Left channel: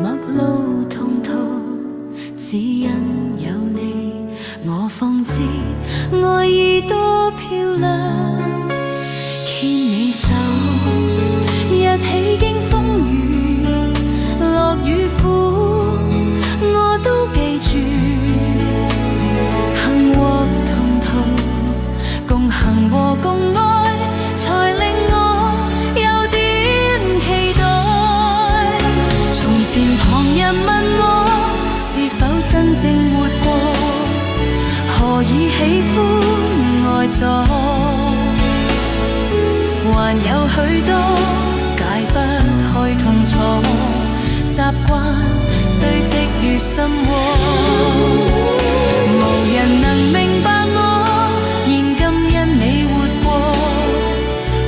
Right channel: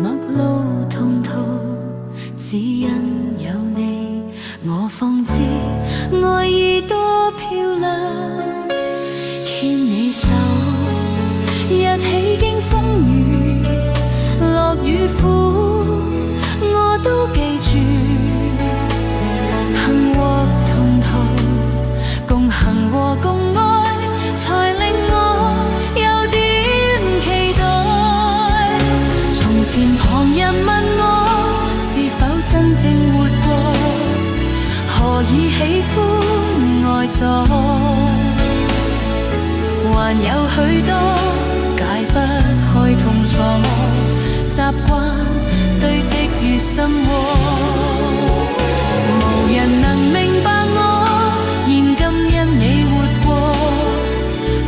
陌路同途，只因有你，我方知愛意多漂亮。牽你手，一起經風雨，樂與苦，我都記住。行和同途，共行和共愛，才令我有點期待。從前旁人問我是否真正活過，何以喜歡愛錯，還有許多解不開痛楚，習慣堆積於心窩。無人能明白我，現今因你活過，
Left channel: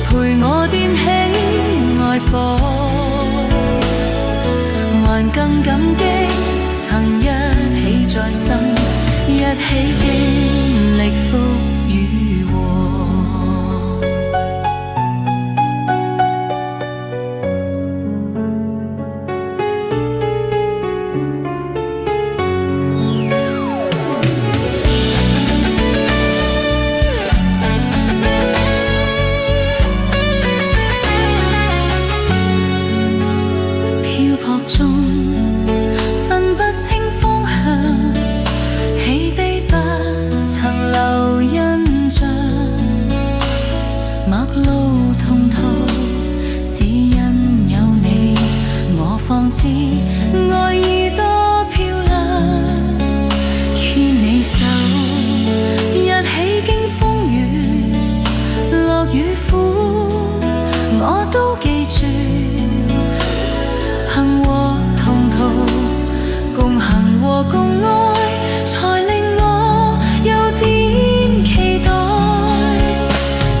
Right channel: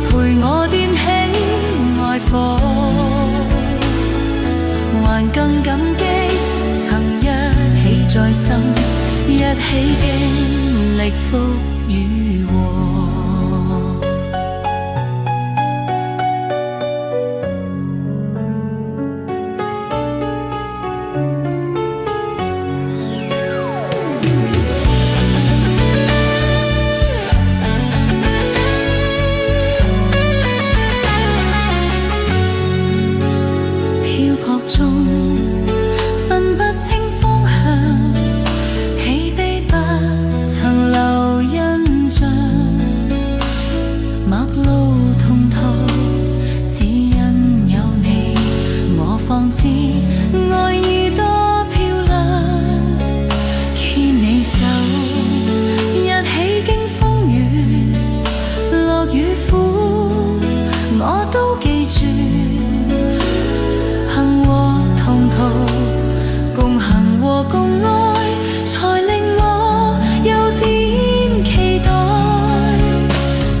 陪我點起愛火，還更感激曾一起再生，一起經歷福與禍。漂泊中分不清方向，喜悲不曾留印象。陌路同途，只因有你，我方知愛意多漂亮。牽你手，一起經風雨，樂與苦，我都記住。行和同途，共行和共愛，才令我有點期待。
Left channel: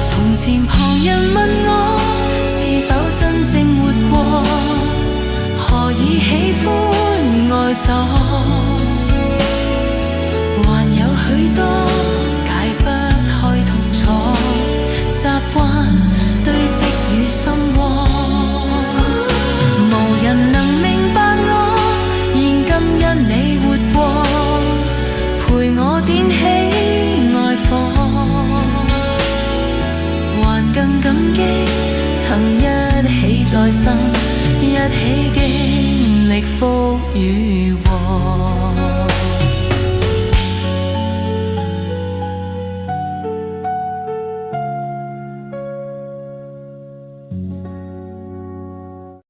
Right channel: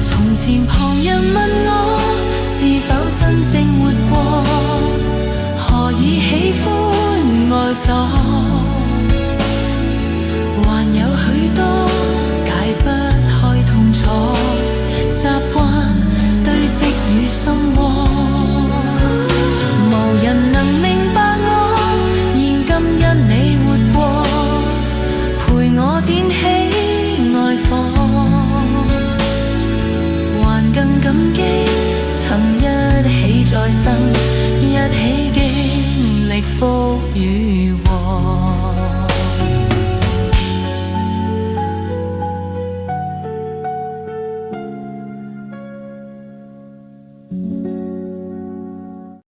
從前旁人問我是否真正活過，何以喜歡愛錯，還有許多解不開痛楚，習慣堆積於心窩。無人能明白我，現今因你活過，陪我點起愛火，還更感激曾一起再生，一起經歷福與禍。